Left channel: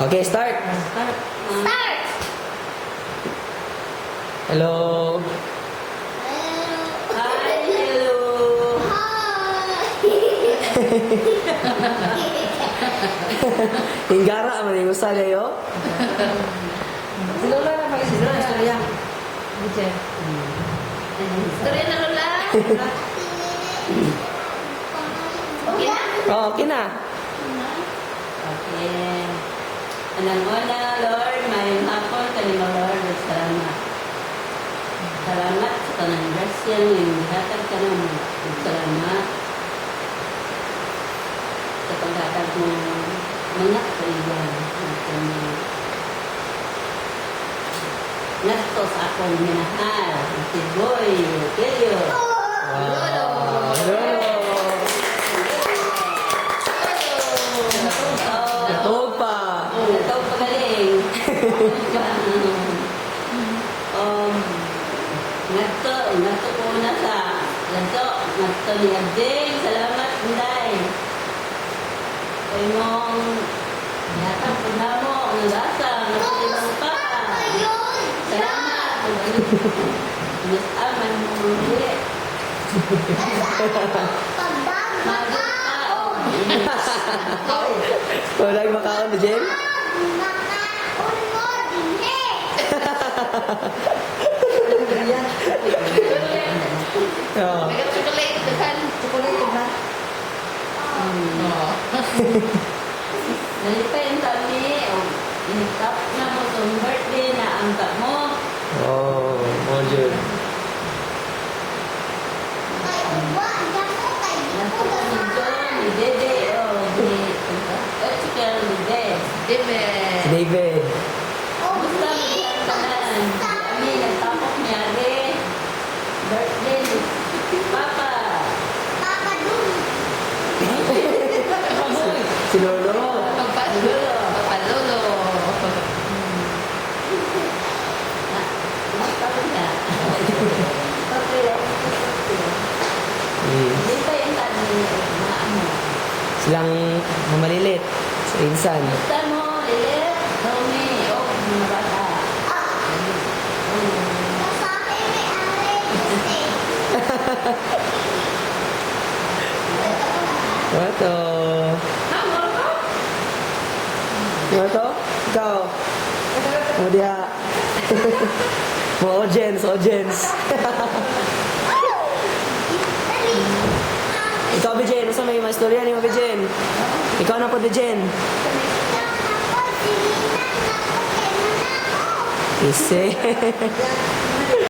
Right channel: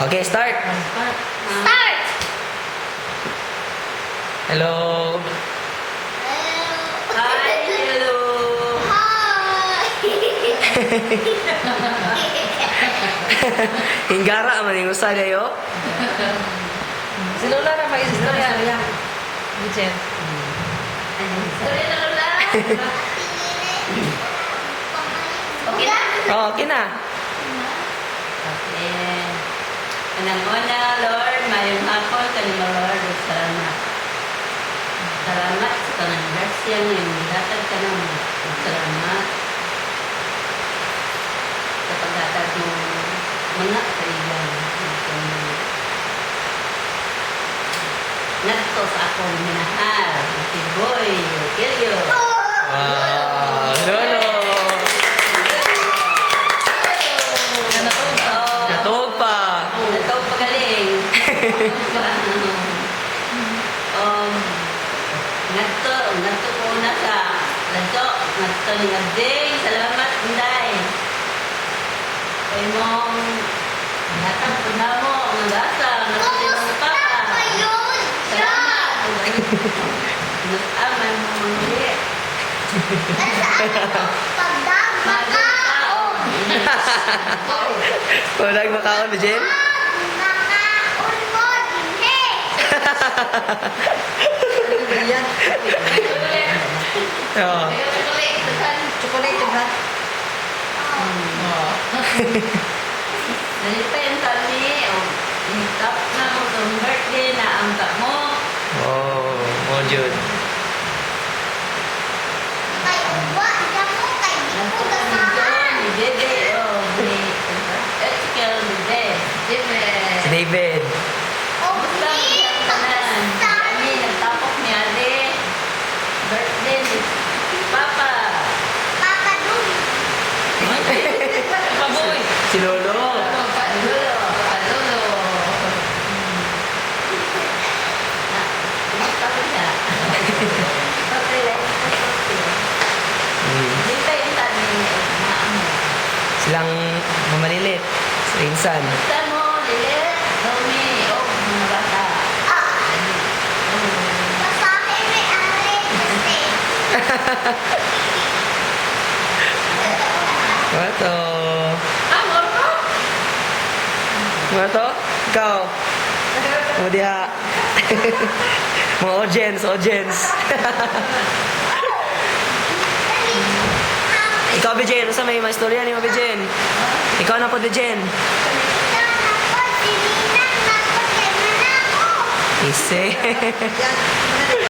Okay, start. Start! Hello. Hi, hello! Hinggara man yung usa kayo. Si Lola na may istorya. Butcher. Story na Lola! Okay na? Oh, okay na. Okay. Anang una, Lord, mayong hapon, kanimo Lord, ug salamat. Salamat sa tanang grasya nga imong gihatag ka namo. Ug salamat sa paghatag mo mga kaibigan. Ngadto sa akong minahal, si Boy Kilio. Wow. Lolo. Natog pa. Natawag pagaling. Ngadto ko na sa ladto, ngadto ni Abding. Salamat, Inday. Kay mong hatag po na mo, ang gasa, ngadto din ang papa. Salamat. Mas aman mo mga Magkakaon. Walang makaon na, Jen? Oo. Chocolate ba? Nalipay ang kami, initap na mo sa birthday na ang mo. Oh, mo Jud. Nagpo kami doon, ni Dede, ni Ezekiel, ni Dede. Si David. Basta magyang tanan. Kami, nagtapok ni Ari. Birthday ni Papa. Paboy. Si Lolo. Lolo. Palolo. Na, kumusta ko siya? Okay, like, okay. Hindi pa yung tani na mo. Silang mamalilit. Sa insan. Basta mo, Lilit, Domi, mga bata. Ano to? Ano to? Ikaw? Mo diha. Mo audience, audience. Ikaw, Bijen. Ano sa may istorya ni mo, Bijen? Ikaw na po, Bijen. Ise.